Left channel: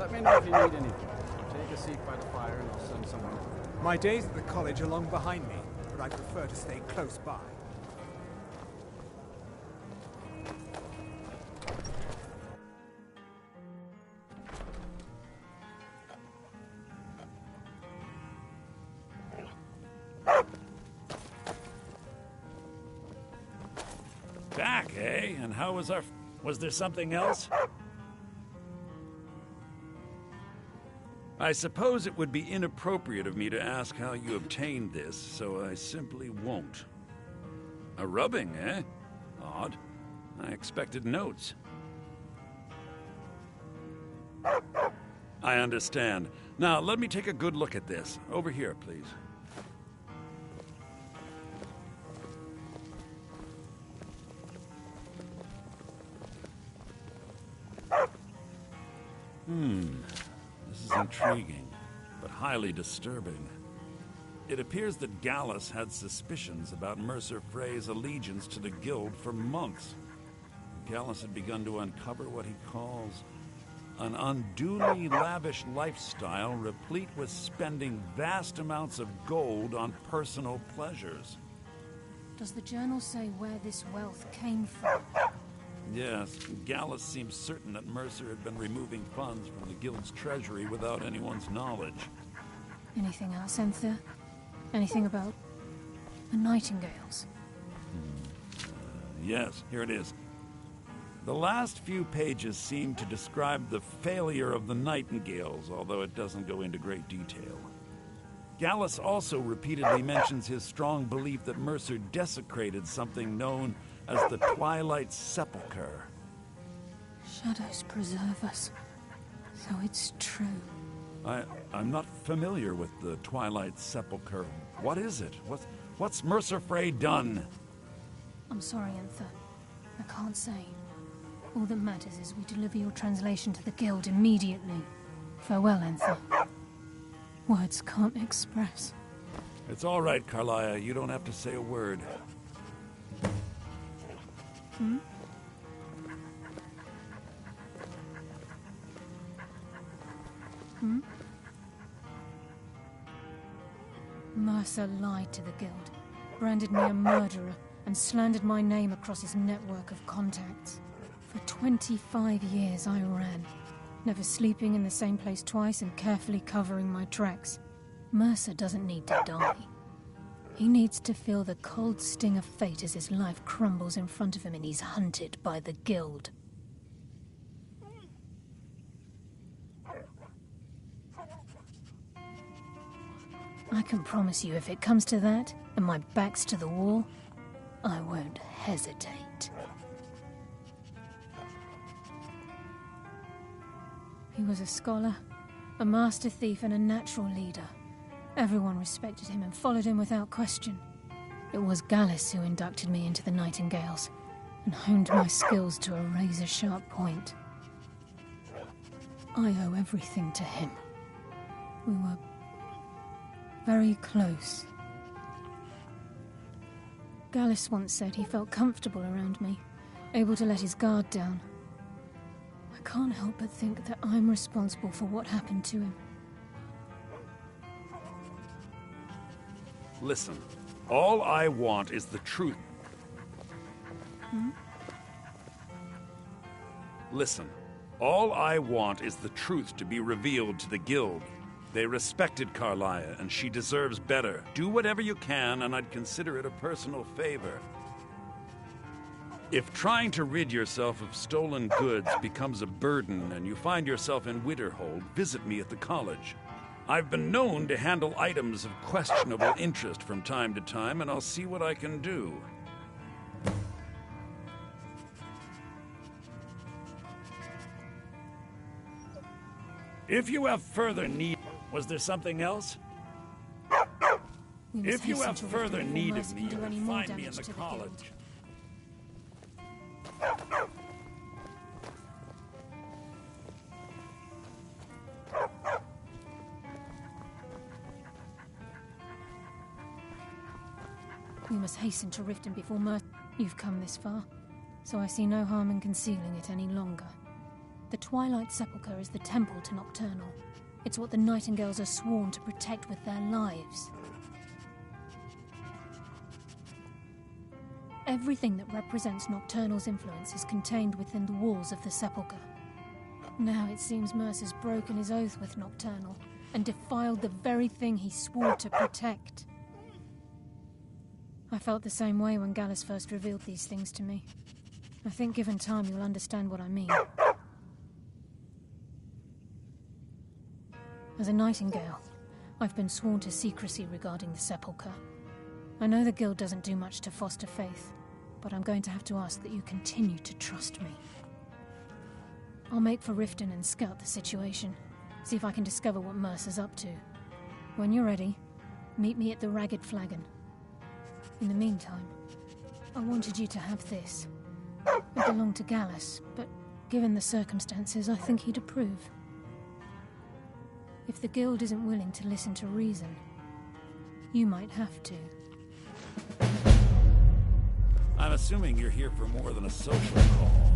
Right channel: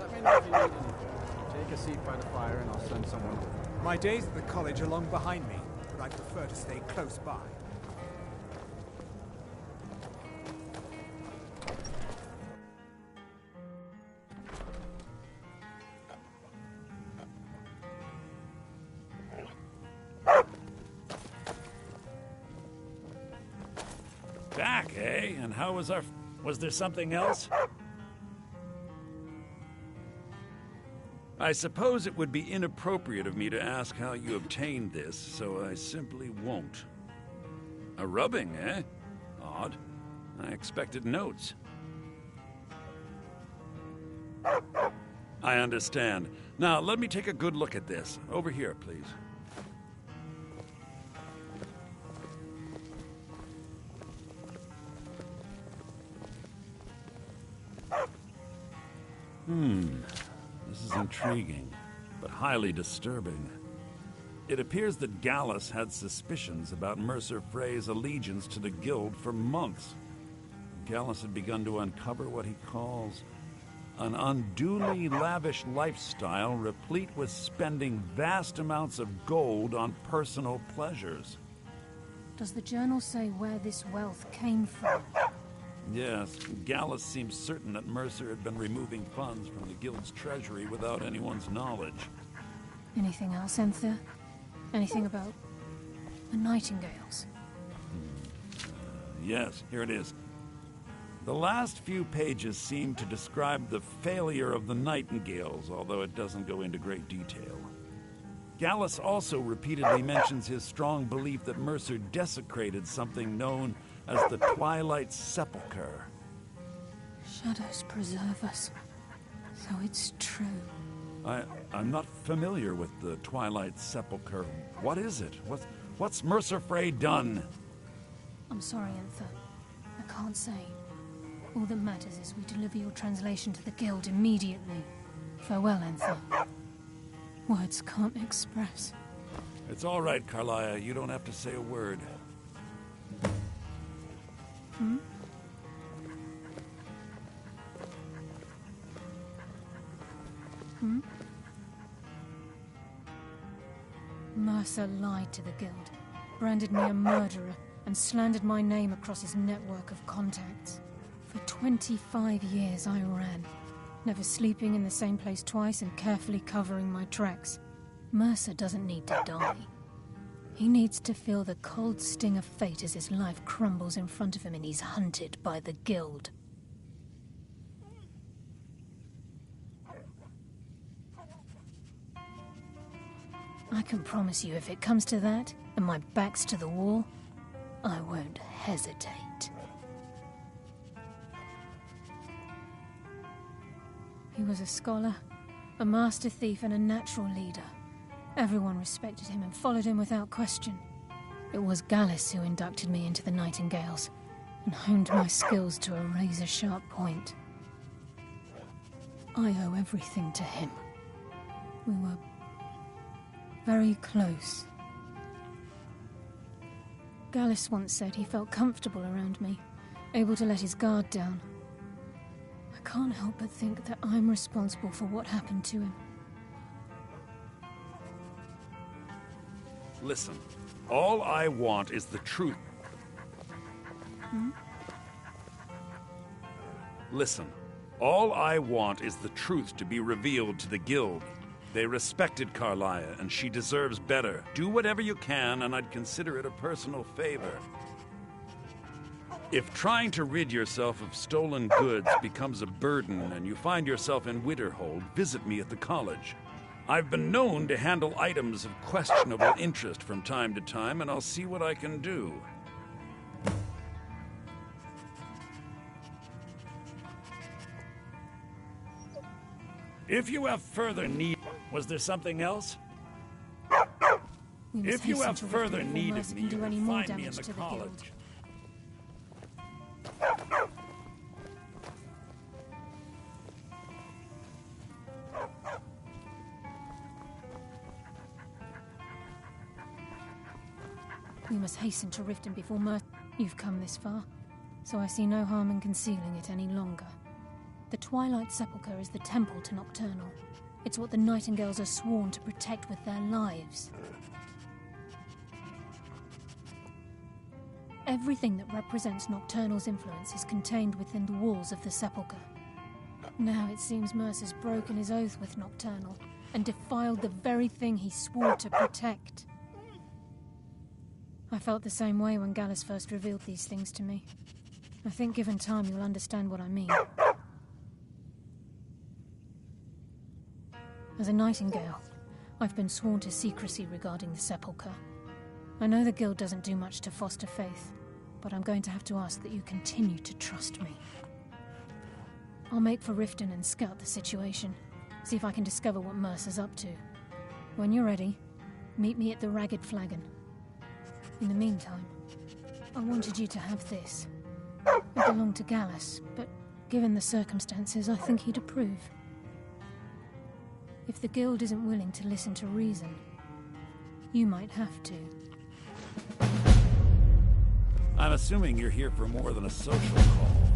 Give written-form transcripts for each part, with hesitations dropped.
Let me know if you need anything. Take a seat by the fire and I'll send someone over. My days at the college are long behind me, but I prefer to stay close by. Back, eh? And how was our... Was there something else? I suppose it would be inappropriate of me to ask how you obtained this, so I simply won't. A rubbing, eh? Odd. I expected notes. I understand. Now, let me take a good look at this. Over here, please. This is intriguing, but highly disturbing. It appears that Gallus had suspicions about Mercer Frey's allegiance to the Guild for months. Gallus had begun to uncover what he calls an unduly lavish lifestyle replete with spending vast amounts of gold on personal pleasures. Does the journal say where this wealth came from? Yes, Gallus seems certain that Mercer had been removing funds from the Guild's treasury without anyone's knowledge. Anything else, Enthir? Anything about the Nightingales? Yes, here it is. The last few pages seem to describe the failure of the Nightingales, although it doesn't go into great detail. Gallus also repeatedly mentions his strong belief that Mercer desecrated something known as the Twilight Sepulchre. Shadows preserve us, so it's true. I'm not familiar with the Twilight Sepulchre. What is it? What's Mercer Frey done? I'm sorry, Enthir. I can't say. All that matters is we deliver your translation to the Guild immediately. Farewell, Enthir. Words can't express. It's all right, Carlia. You don't have to say a word. Mercer lied to the Guild, branded me a murderer, and slandered my name across his network of contacts. For 25 years I ran, never sleeping in the same place twice and carefully covering my tracks. Mercer doesn't need to die. He needs to feel the cold sting of fate as his life crumbles in front of him and he's hunted by the Guild. I can promise you if it comes to that, and my back's to the wall, I won't hesitate. He was a scholar, a master thief, and a natural leader. Everyone respected him and followed him without question. It was Gallus who inducted me into the Nightingales, and honed my skills to a razor-sharp point. I owe everything to him. We were very close. Gallus once said he felt comfortable around me, able to let his guard down. I can't help but think that I'm responsible for what happened to him. Listen, all I want is the truth. Listen, all I want is the truth to be revealed to the Guild. They respected Carlia, and she deserves better. Do whatever you can, and I'd consider it a personal favor. If trying to rid yourself of stolen goods becomes a burden and you find yourself in Winterhold, visit me at the college. I've been known to handle items of questionable interest from time to time, and I'll see what I can do. If you have further need... Was there something else? If you have further need of me, you can find me in the college. We must hasten to Riften before You've come this far, so I see no harm in concealing it any longer. The Twilight Sepulchre is the temple to Nocturnal. It's what the Nightingales are sworn to protect with their lives. Everything that represents Nocturnal's influence is contained within the walls of the Sepulchre. Now it seems Mercer's broken his oath with Nocturnal and defiled the very thing he swore to protect. I felt the same way when Gallus first revealed these things to me. I think given time you'll understand what I mean. As a Nightingale, I've been sworn to secrecy regarding the Sepulchre. I know the Guild doesn't do much to foster faith, but I'm going to have to ask that you continue to trust me. I'll make for Riften and scout the situation, see if I can discover what Mercer's up to. When you're ready, meet me at the Ragged Flagon. In the meantime, I wanted you to have this. It belonged to Gallus, but given the circumstances, I think he'd approve. If the Guild isn't willing to listen to reason, you might have to. I'm assuming you're here for more than a social call.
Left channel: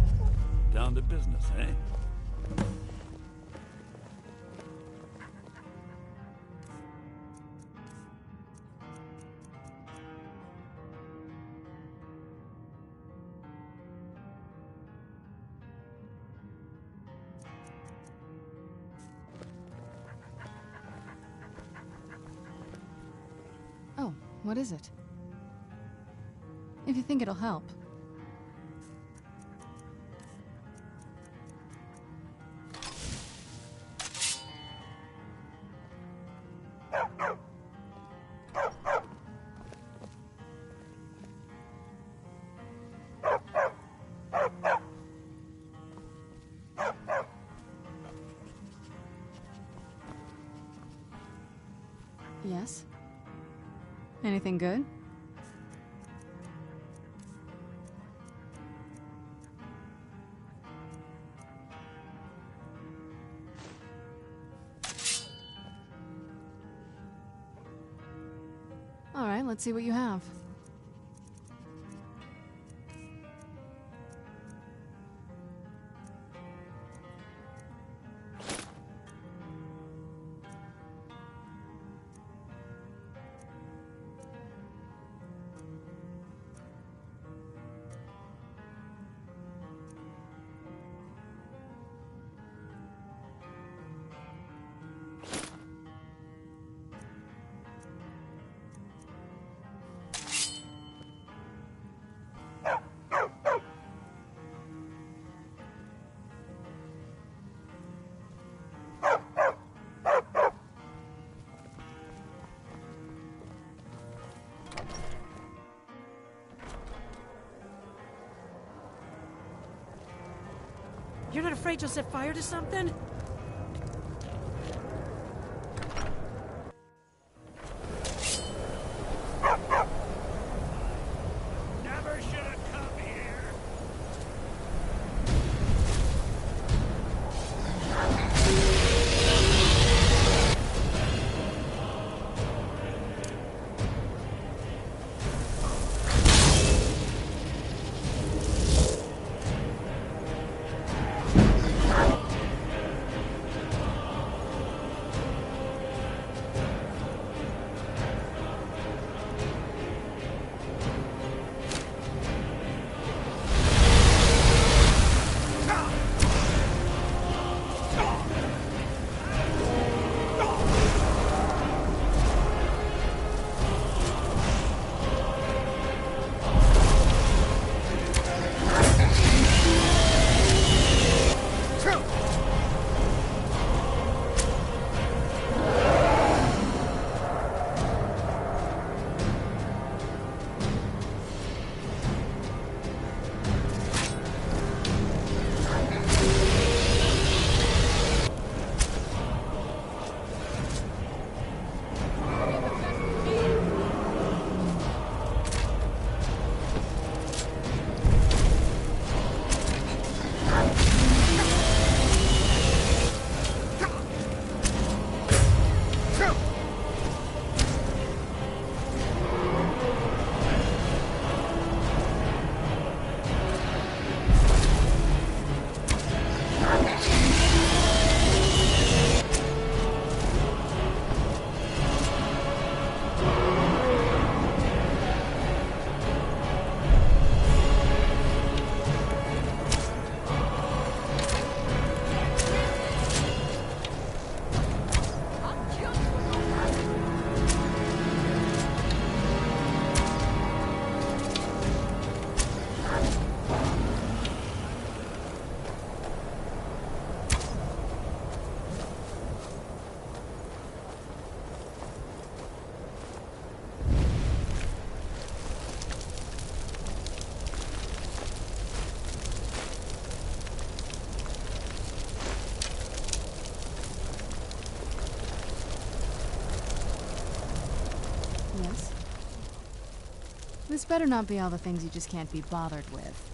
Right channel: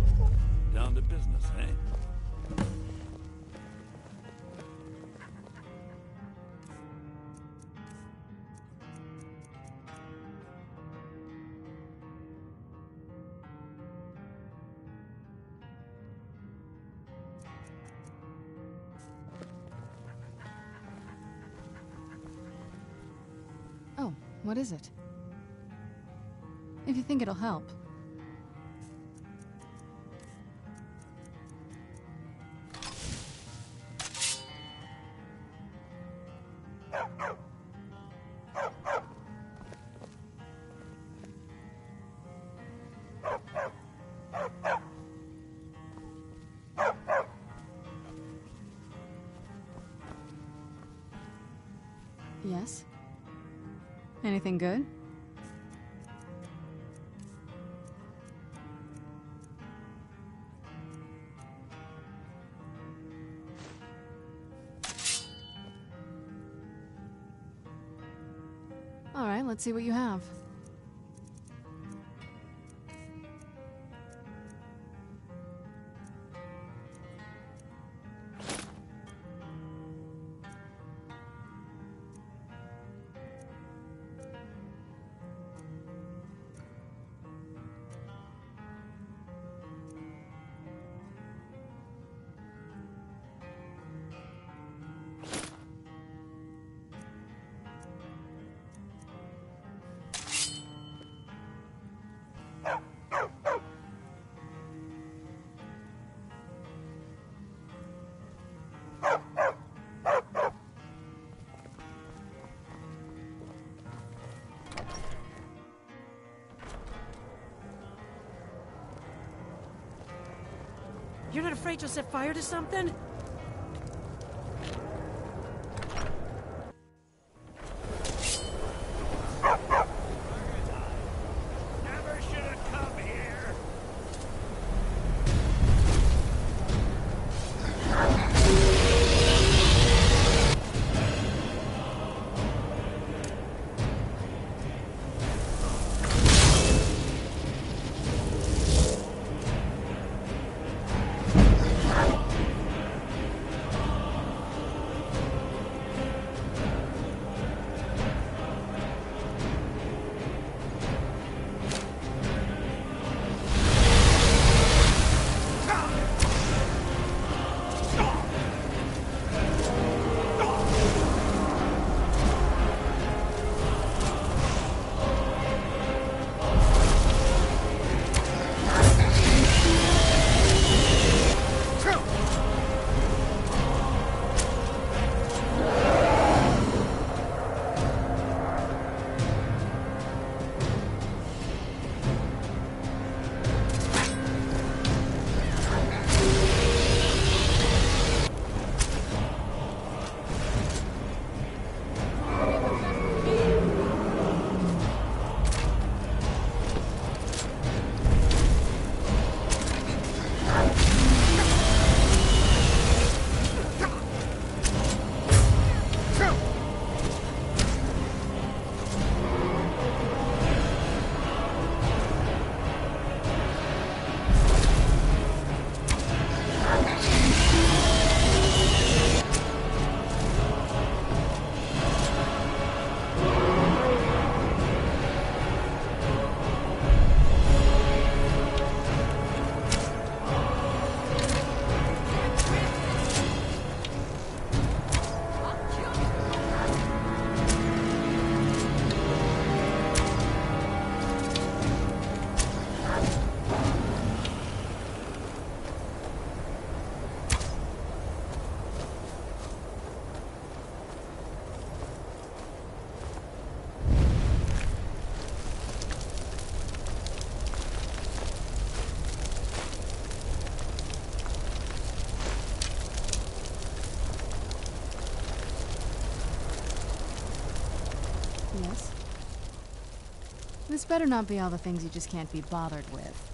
Down to business, eh? Oh, what is it? If you think it'll help. Yes? Anything good? All right, let's see what you have. You're not afraid you'll set fire to something? Never should have come here. Yes? This better not be all the things you just can't be bothered with.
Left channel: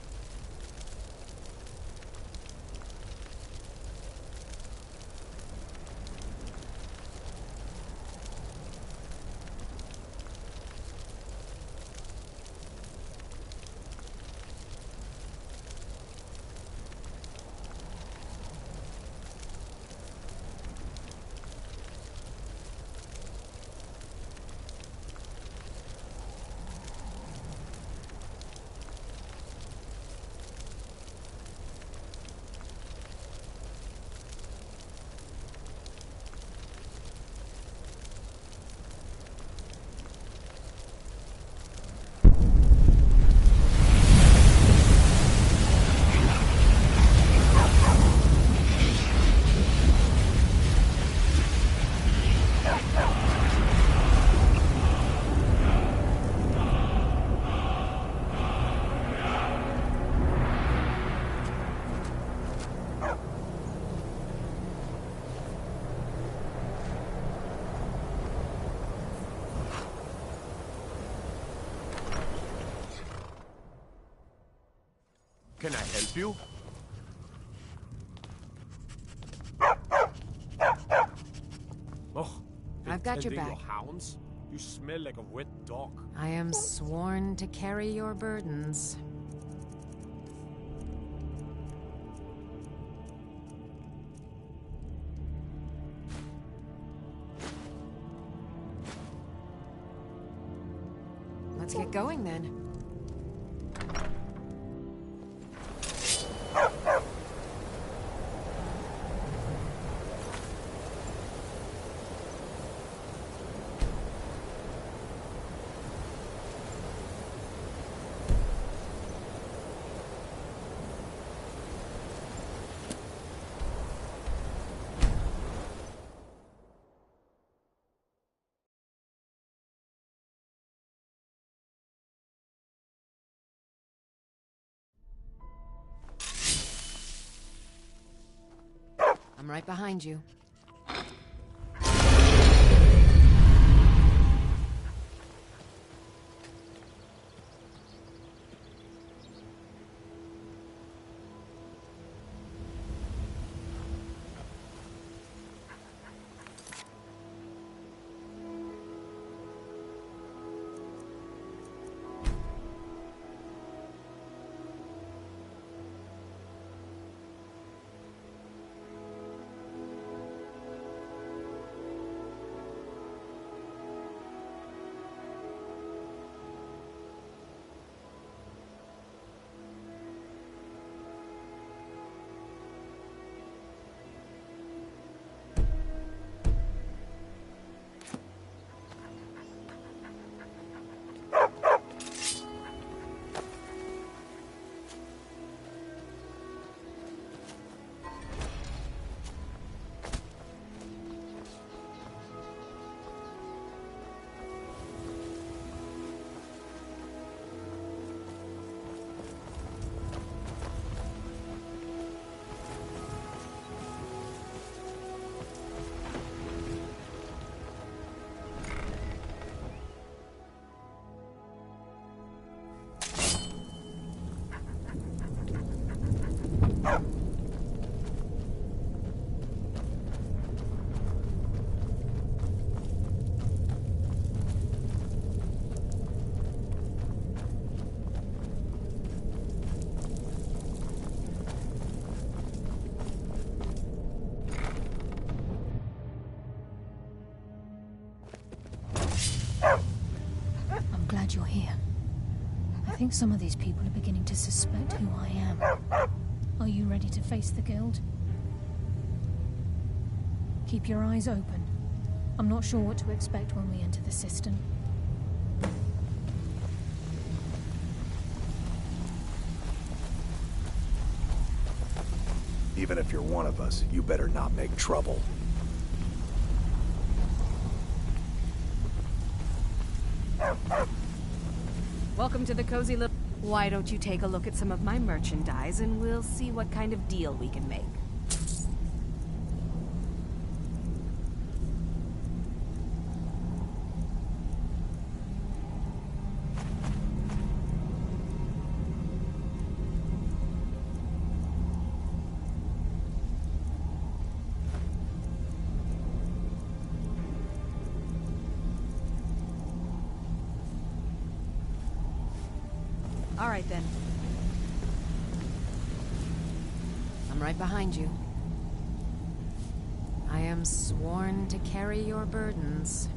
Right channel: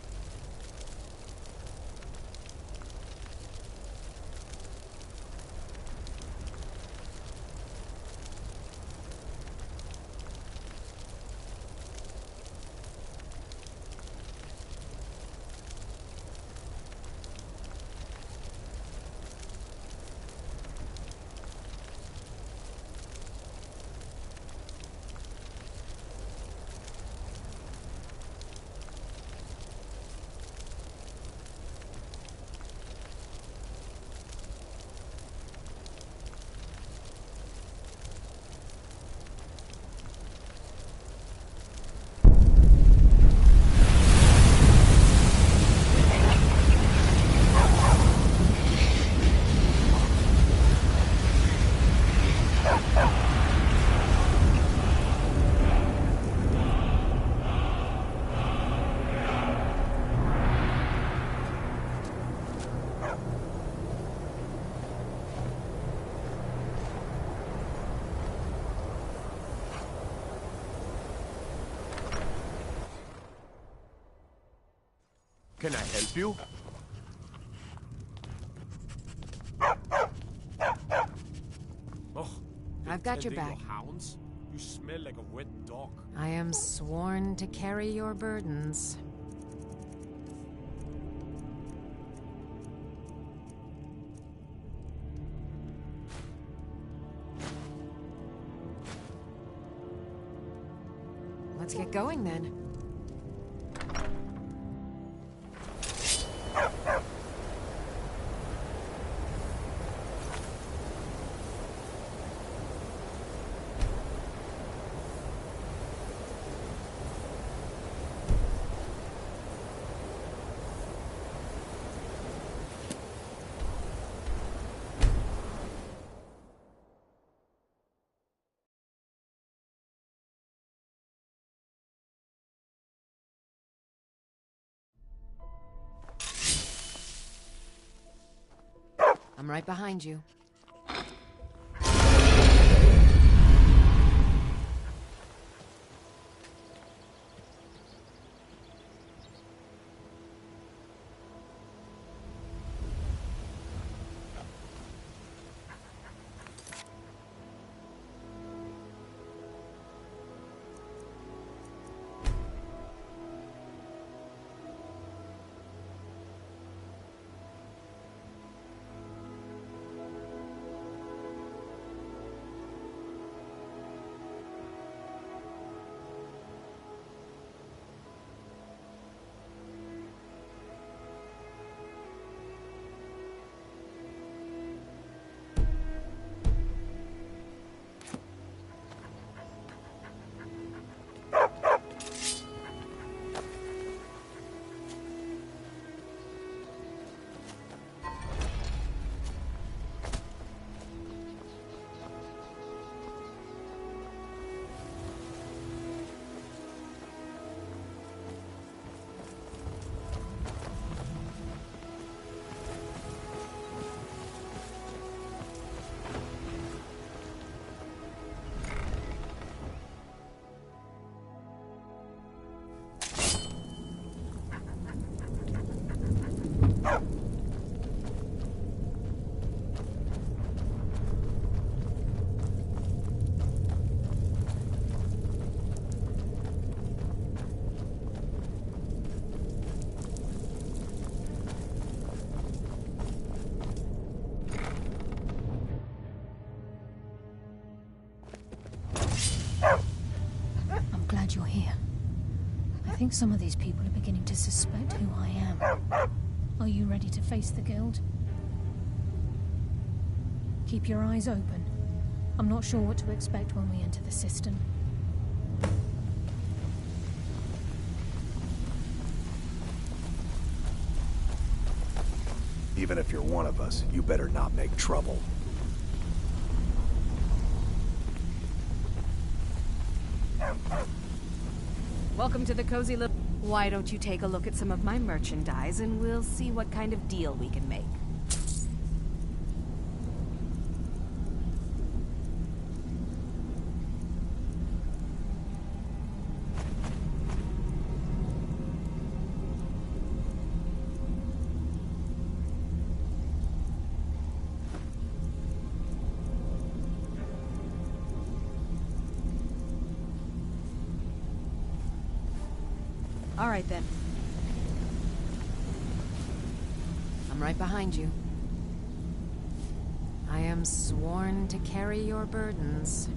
Can I help you? Oh, I've got your tending back. Hounds? You smell like a wet dog. I am sworn to carry your burdens. Let's get going then. I'm right behind you. Glad you're here. I think some of these people are beginning to suspect who I am. Are you ready to face the Guild? Keep your eyes open. I'm not sure what to expect when we enter the cistern. Even if you're one of us, you better not make trouble. Welcome to the cozy little... Why don't you take a look at some of my merchandise and we'll see what kind of deal we can make. All right, then. I'm right behind you. I am sworn to carry your burdens.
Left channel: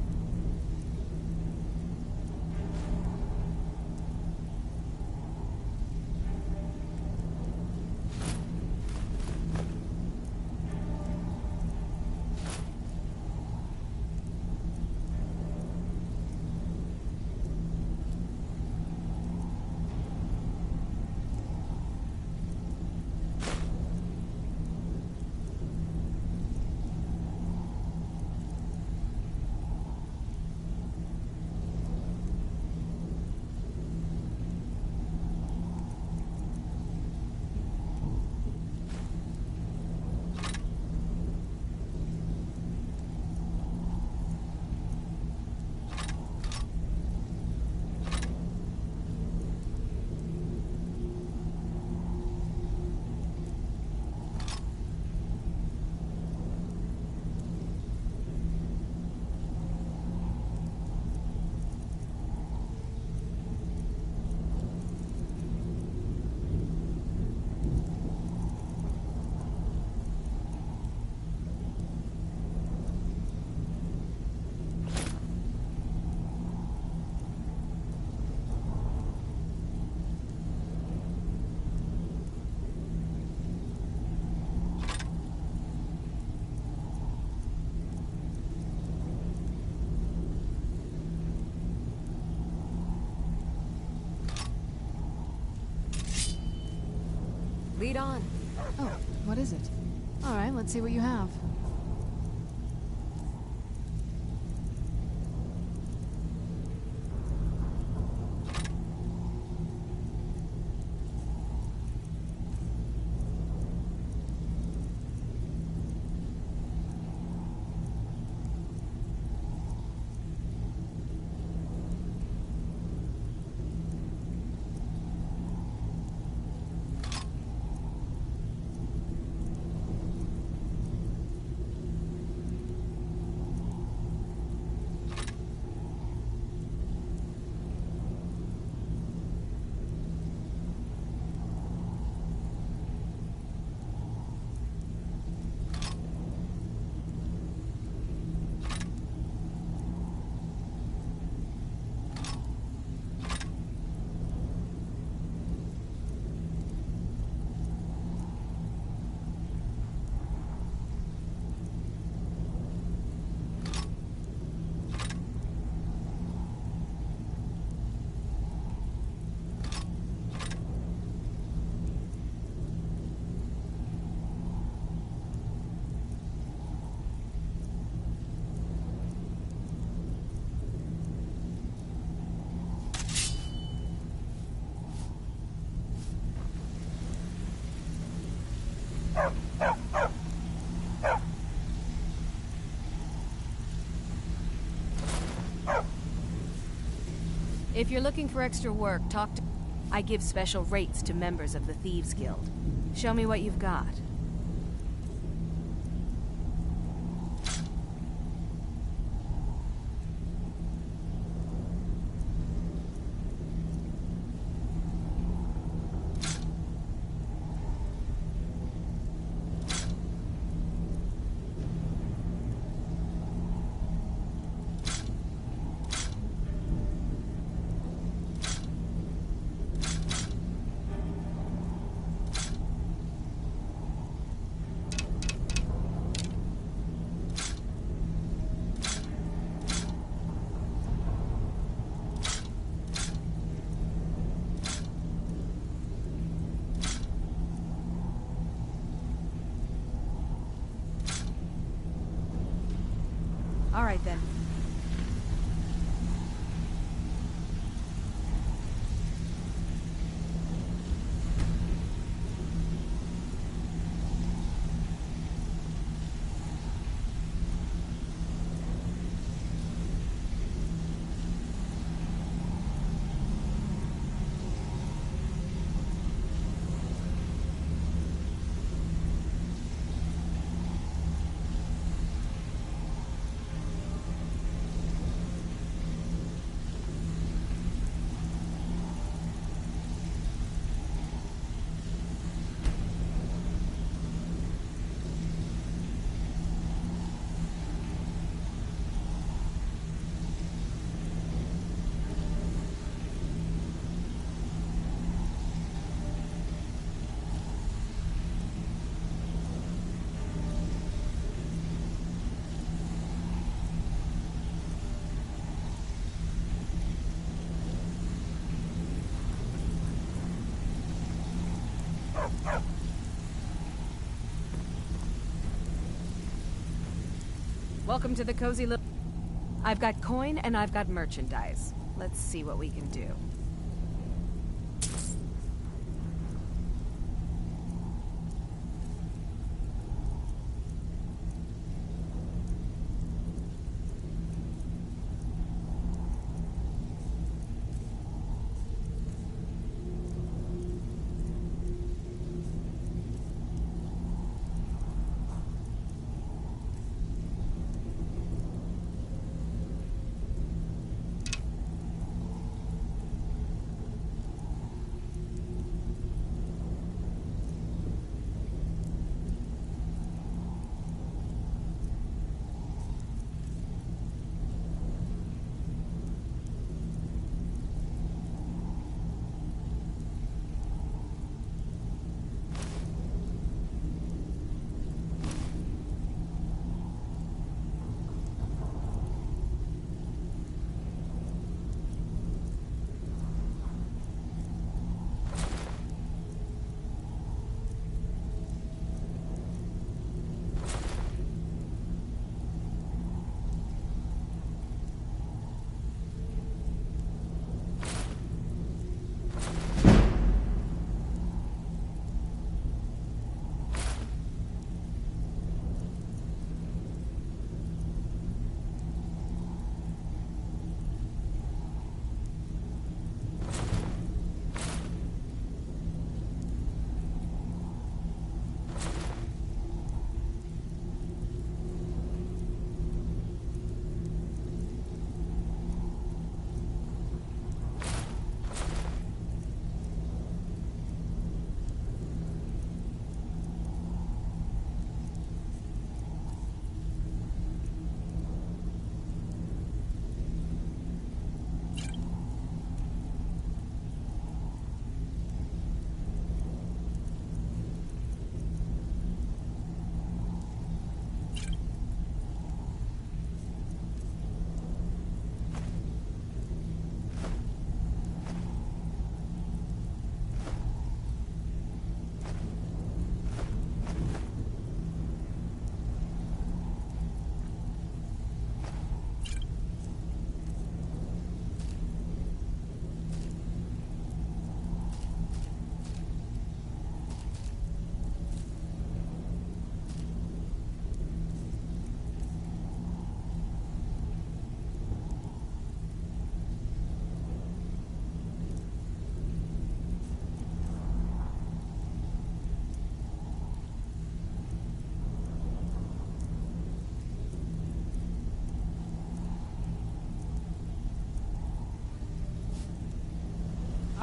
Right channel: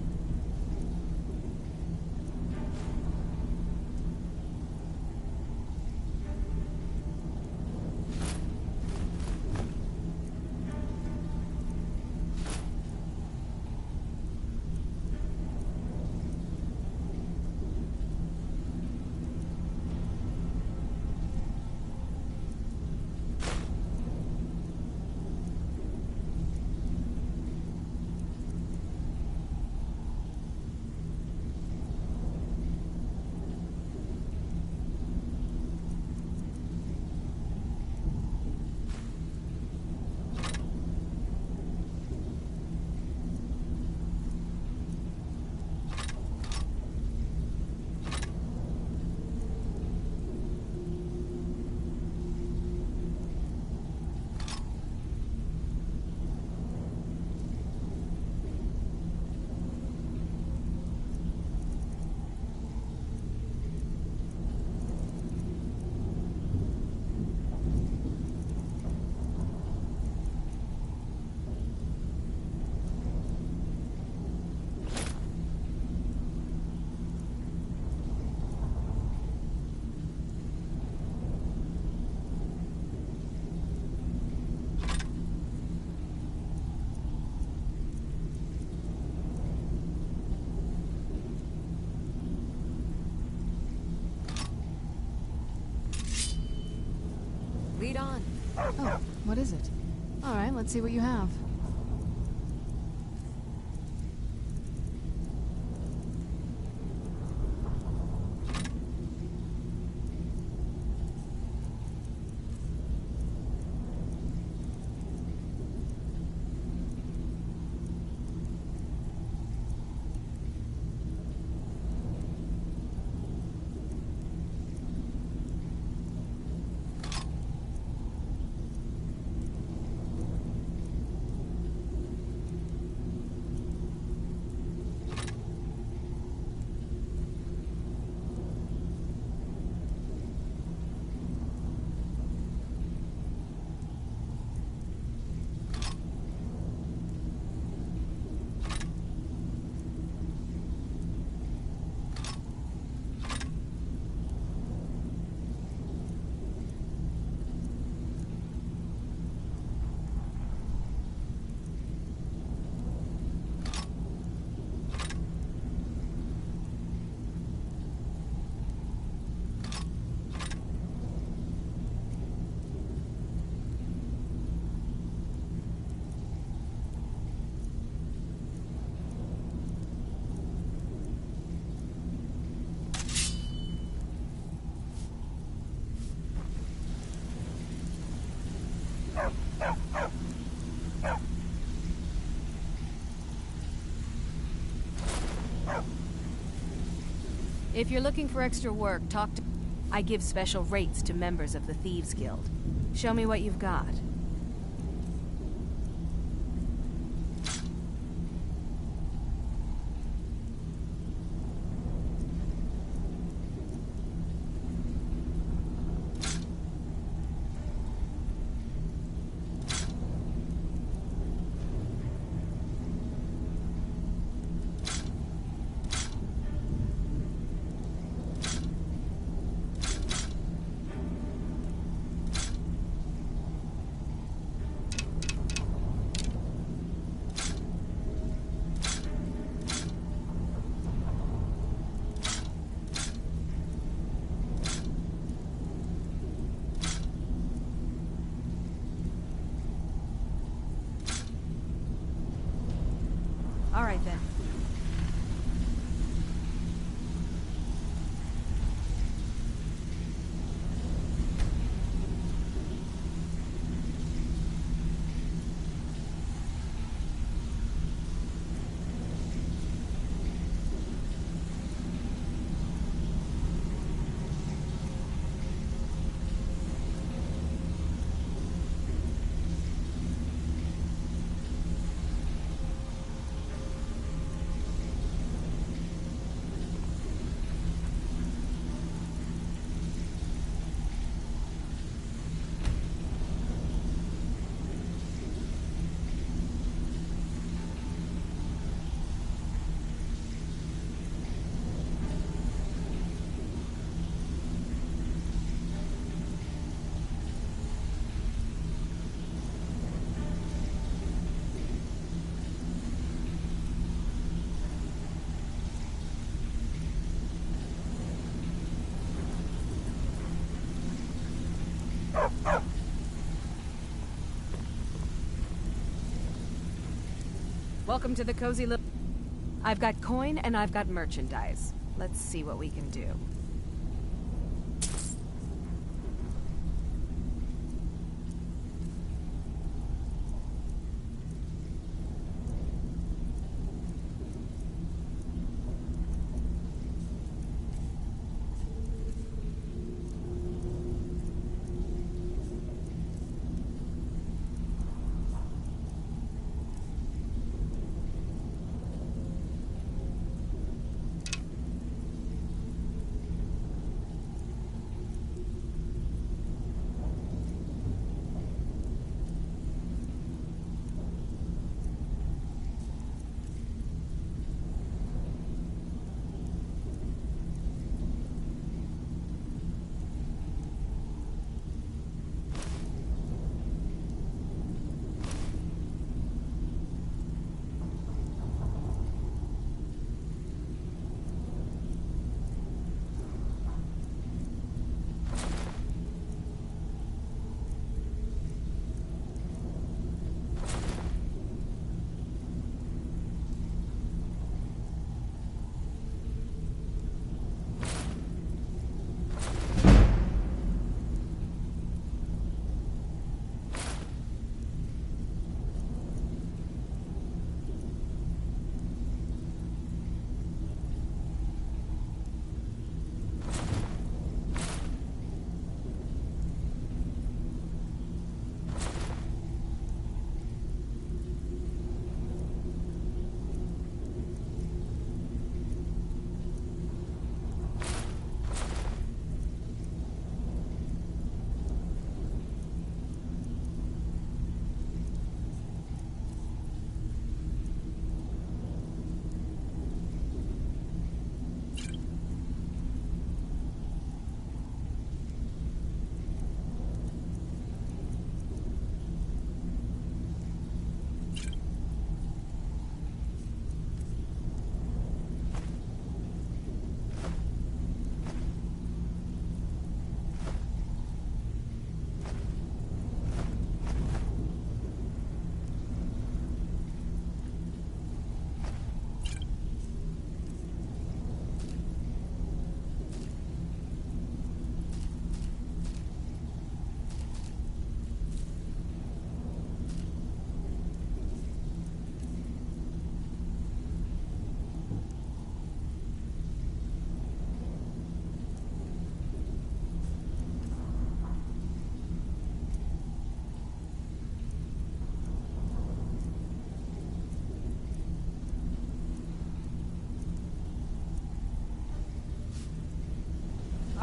Lead on. Oh, what is it? All right, let's see what you have. If you're looking for extra work, talk to... I give special rates to members of the Thieves Guild. Show me what you've got. All right, then. Welcome to the cozy little... I've got coin and I've got merchandise. Let's see what we can do.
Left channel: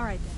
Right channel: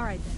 All right, then.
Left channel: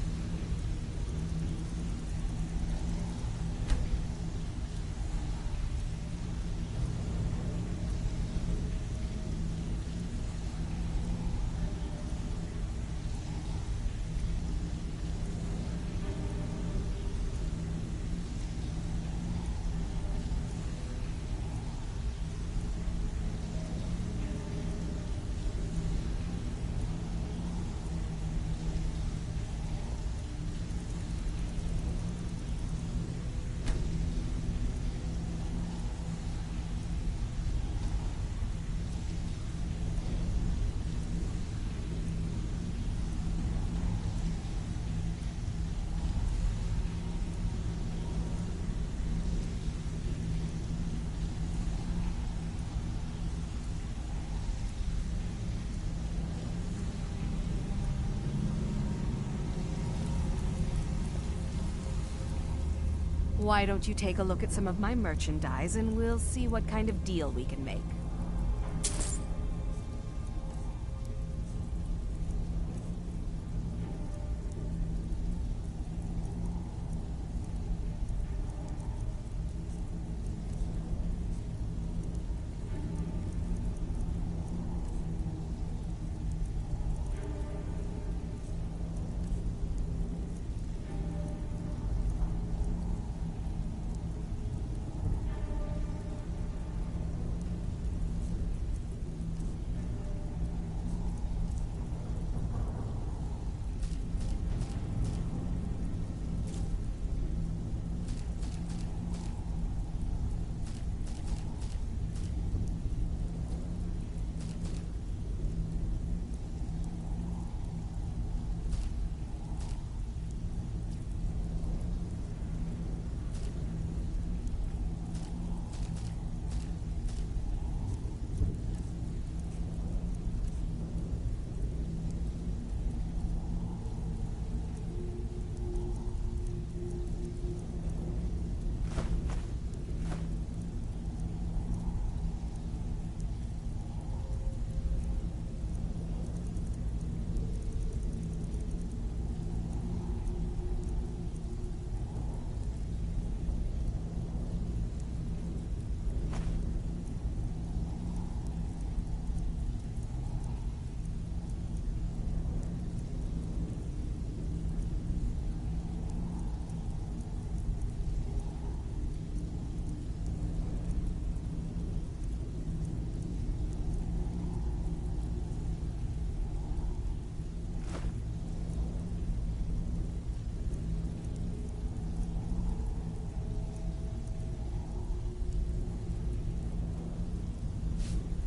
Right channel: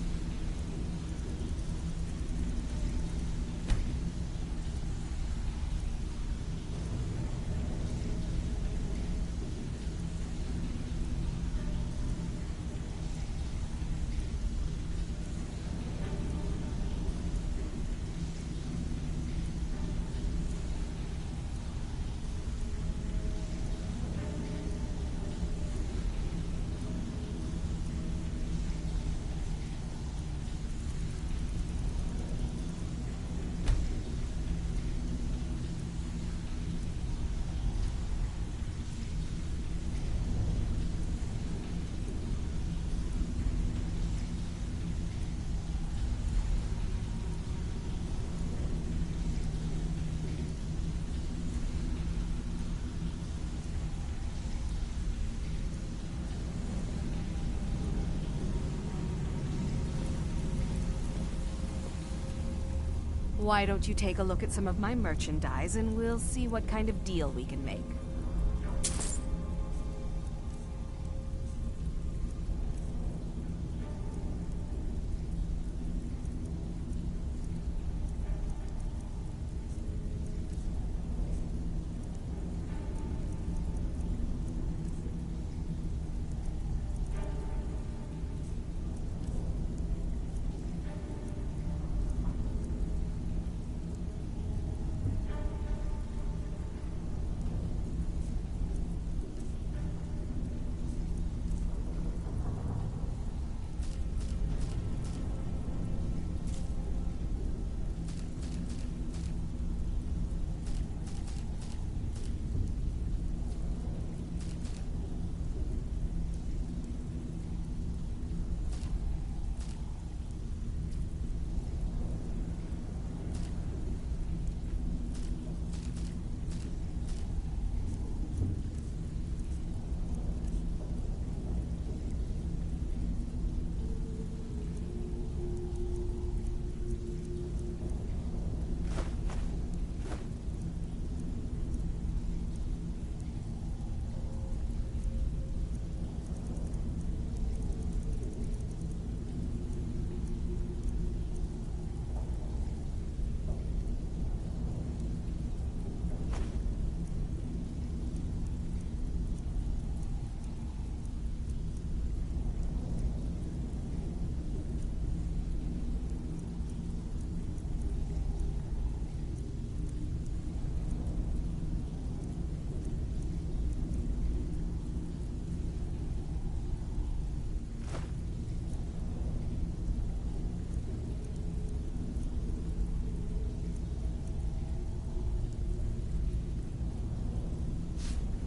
Why don't you take a look at some of my merchandise and we'll see what kind of deal we can make.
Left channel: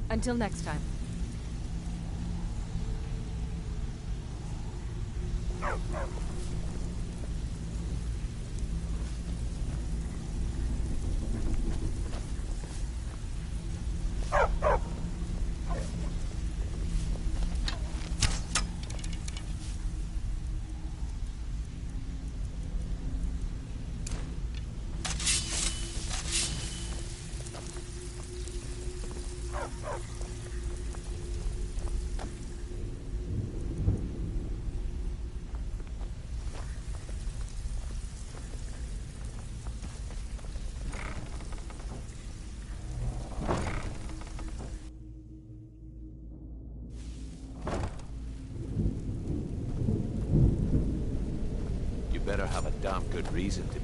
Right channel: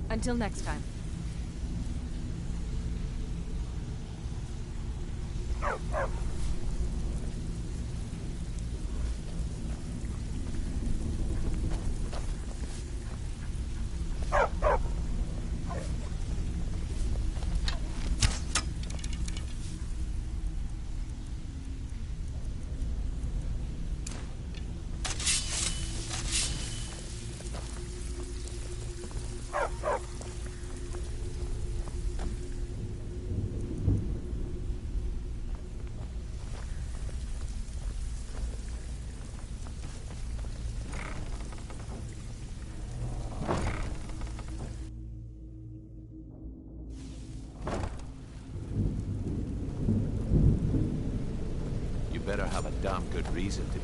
Until next time. You better have a damn good reason to...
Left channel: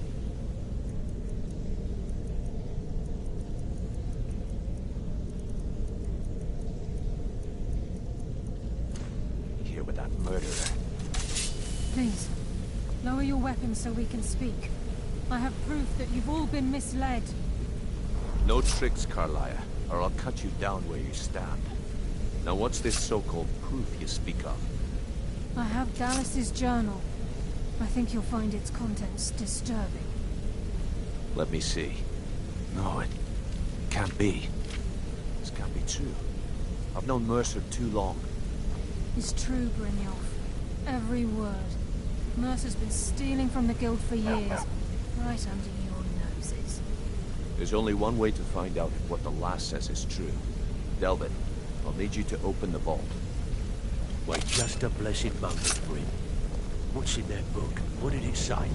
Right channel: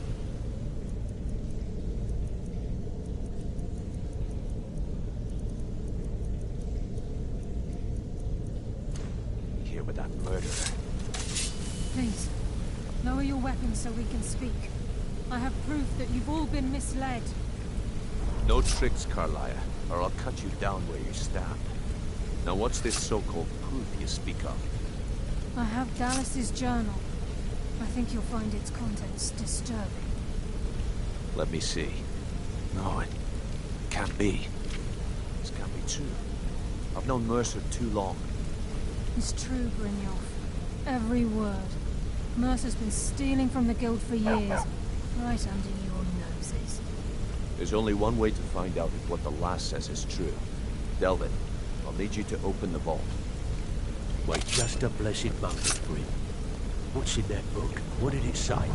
Here with that murderer. Please, lower your weapons so we can speak. I have proof that you've all been misled. No tricks, Carlia, or I'll cut you down where you stand. Now what's this so-called proof you speak of? I have Dallas's journal. I think you'll find its contents disturbing. Let me see. No, it can't be. This can't be true. I've known Mercer too long. It's true, Brynjolf. Every word. Mercer's been stealing from the Guild for years, right under your noses. There's only one way to find out if what the lass says is true. Delvin, I'll need you to open the vault. Wait just a blessed moment, Bryn. What's in that book? What did it say?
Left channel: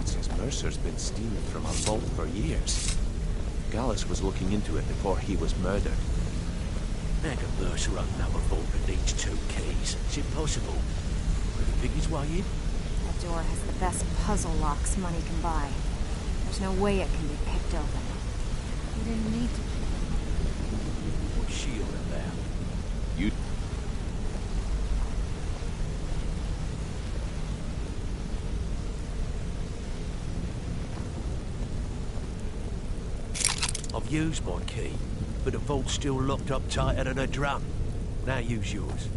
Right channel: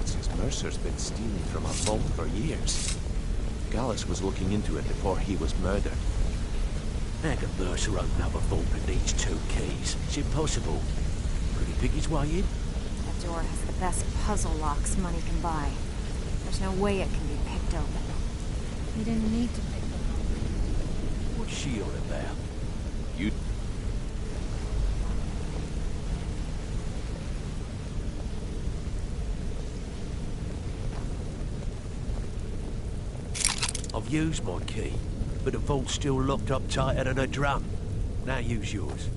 It says Mercer's been stealing from our vault for years. Gallus was looking into it before he was murdered. How can Mercer open up a vault that needs 2 keys? It's impossible. Could he pick his way in? That door has the best puzzle locks money can buy. There's no way it can be picked open. You didn't need to pick them up. What's she on about? You... I've used my key, but the vault's still locked up tighter than a drum. Now use yours.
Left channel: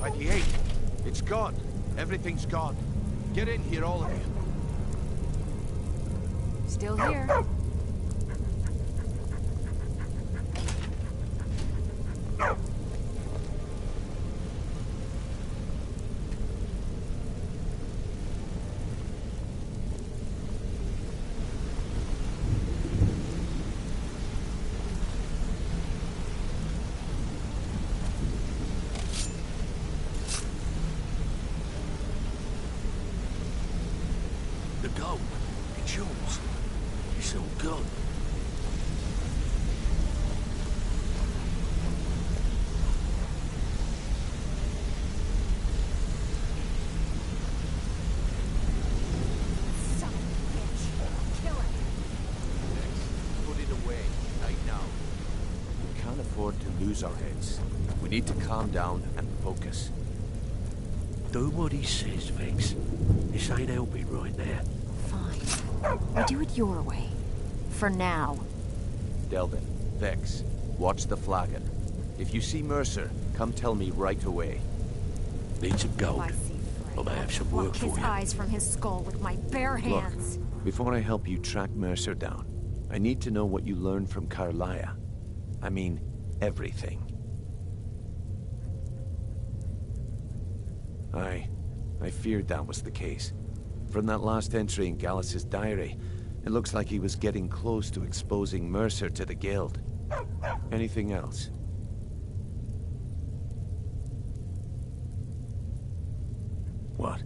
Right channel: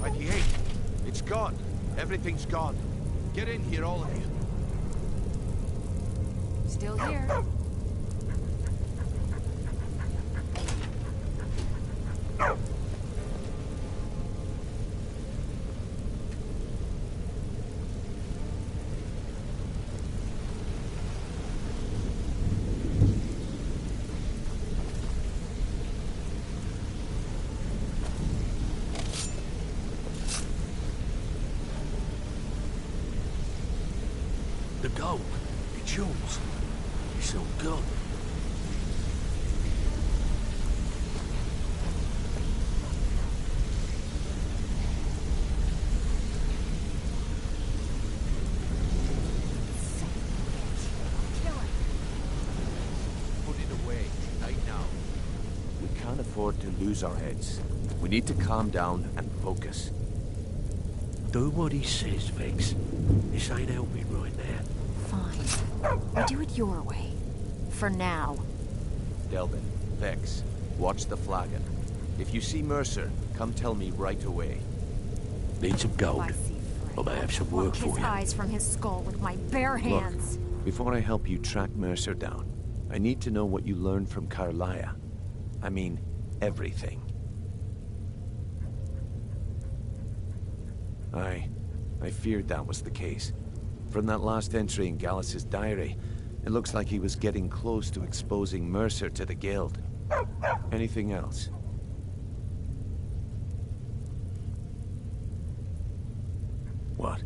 By the 8th. It's gone. Everything's gone. Get in here, all of you. Still here. The gold. It's yours. It's all gone. Son of a bitch. Kill it. Put it away, right now. We can't afford to lose our heads. We need to calm down and focus. Do what he says, Vex. This ain't helping right now. Fine. We do it your way. For now. Delvin, Vex, watch the flagon. If you see Mercer, come tell me right away. Need some gold. I see I may have some work Pluck for his you. eyes from his skull with my bare hands. Look, before I help you track Mercer down, I need to know what you learned from Carlia. I mean, everything. I feared that was the case. From that last entry in Gallus's diary, it looks like he was getting close to exposing Mercer to the Guild. Anything else? What?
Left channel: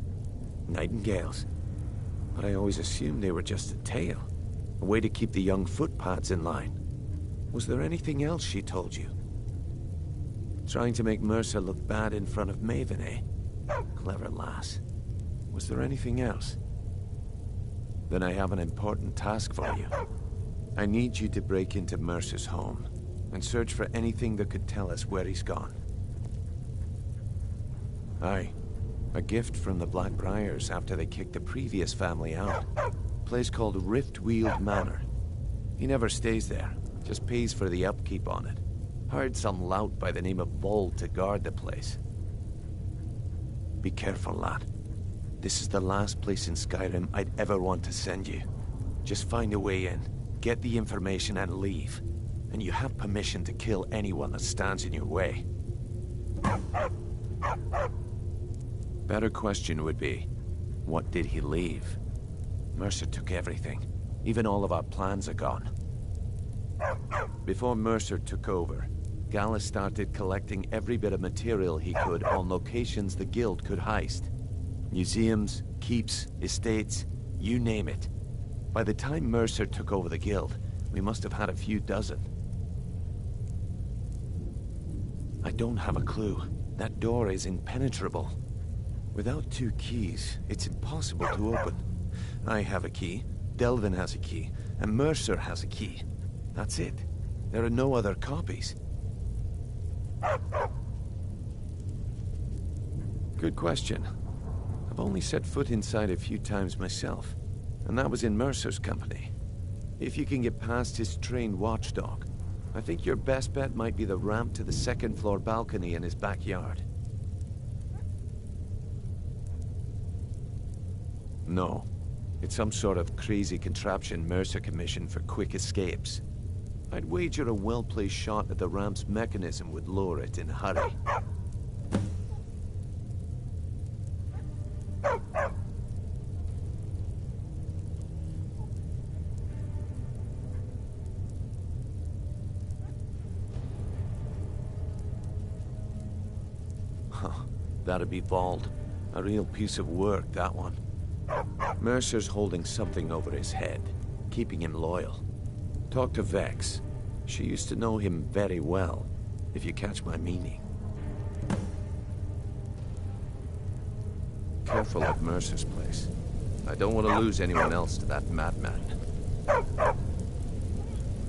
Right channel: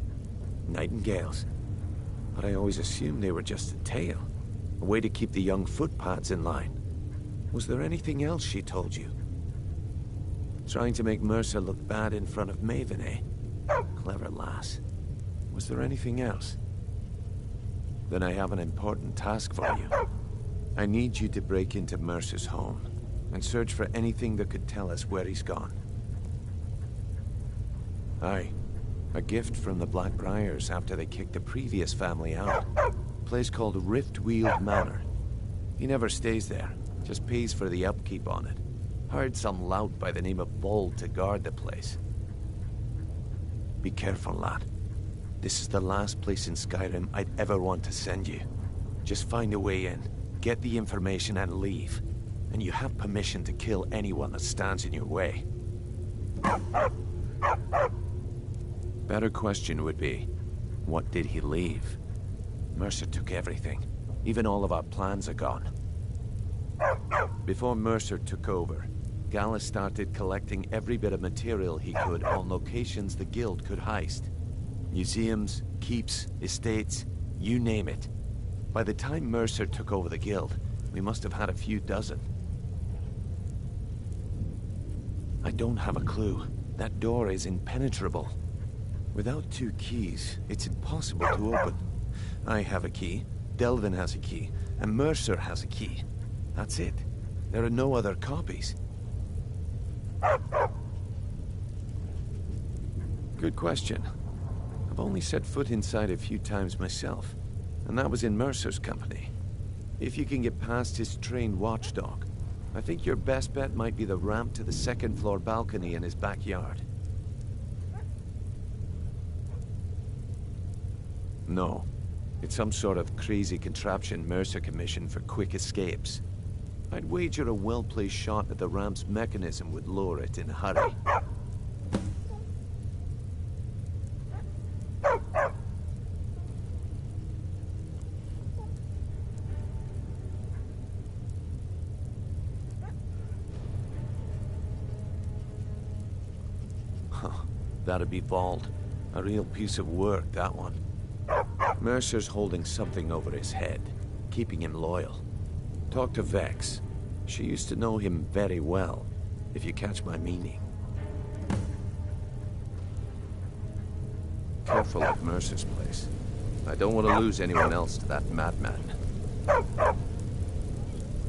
Nightingales? But I always assumed they were just a tale. A way to keep the young footpads in line. Was there anything else she told you? Trying to make Mercer look bad in front of Maven, eh? Clever lass. Was there anything else? Then I have an important task for you. I need you to break into Mercer's home and search for anything that could tell us where he's gone. Aye. A gift from the Blackbriars after they kicked the previous family out. Place called Riftweald Manor. He never stays there, just pays for the upkeep on it. Hired some lout by the name of Vold to guard the place. Be careful, lad. This is the last place in Skyrim I'd ever want to send you. Just find a way in, get the information and leave. And you have permission to kill anyone that stands in your way. Better question would be, what did he leave? Mercer took everything. Even all of our plans are gone. Before Mercer took over, Gallus started collecting every bit of material he could on locations the Guild could heist. Museums, keeps, estates, you name it. By the time Mercer took over the Guild, we must have had a few dozen. I don't have a clue. That door is impenetrable. Without 2 keys, it's impossible to open. I have a key, Delvin has a key, and Mercer has a key. That's it. There are no other copies. Good question. I've only set foot inside a few times myself, and that was in Mercer's company. If you can get past his trained watchdog, I think your best bet might be the ramp to the 2nd floor balcony in his backyard. No. It's some sort of crazy contraption Mercer commissioned for quick escapes. I'd wager a well-placed shot at the ramp's mechanism would lower it in a hurry. Huh. That'd be Vold. A real piece of work, that one. Mercer's holding something over his head, keeping him loyal. Talk to Vex. She used to know him very well, if you catch my meaning. Careful at Mercer's place. I don't want to lose anyone else to that madman.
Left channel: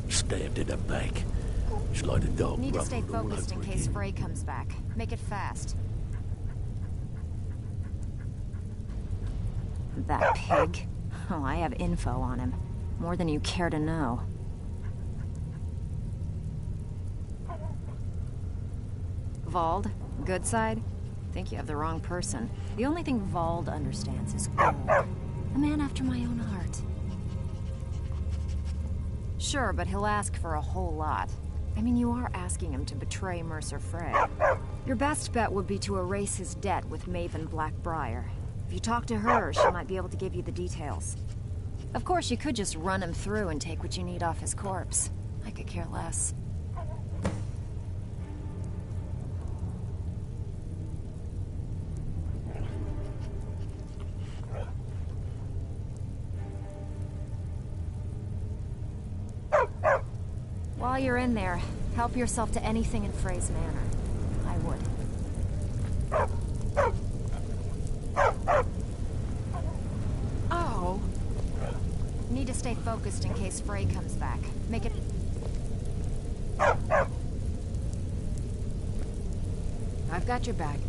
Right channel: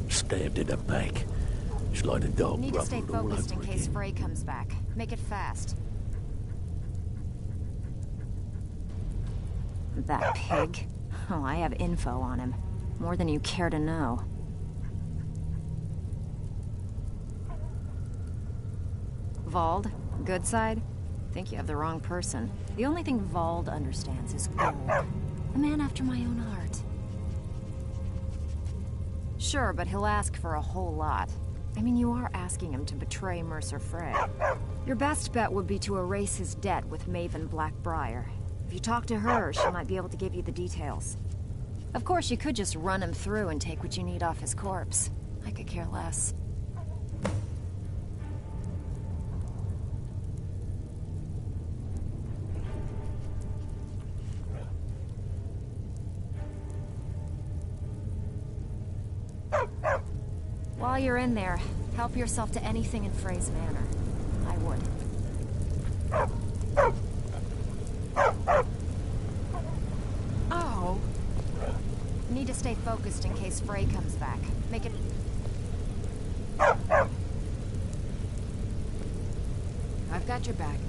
Stabbed in the back. It's like a dog Need to stay ruffled all focused in over case again. Frey comes back. Make it fast. That pig? Oh, I have info on him. More than you care to know. Vold? Good side? Think you have the wrong person. The only thing Vold understands is gold. A man after my own heart. Sure, but he'll ask for a whole lot. I mean, you are asking him to betray Mercer Frey. Your best bet would be to erase his debt with Maven Blackbriar. If you talk to her, she might be able to give you the details. Of course, you could just run him through and take what you need off his corpse. I could care less. While you're in there, help yourself to anything in Frey's manor. I would. Oh. Need to stay focused in case Frey comes back. Make it... I've got your back.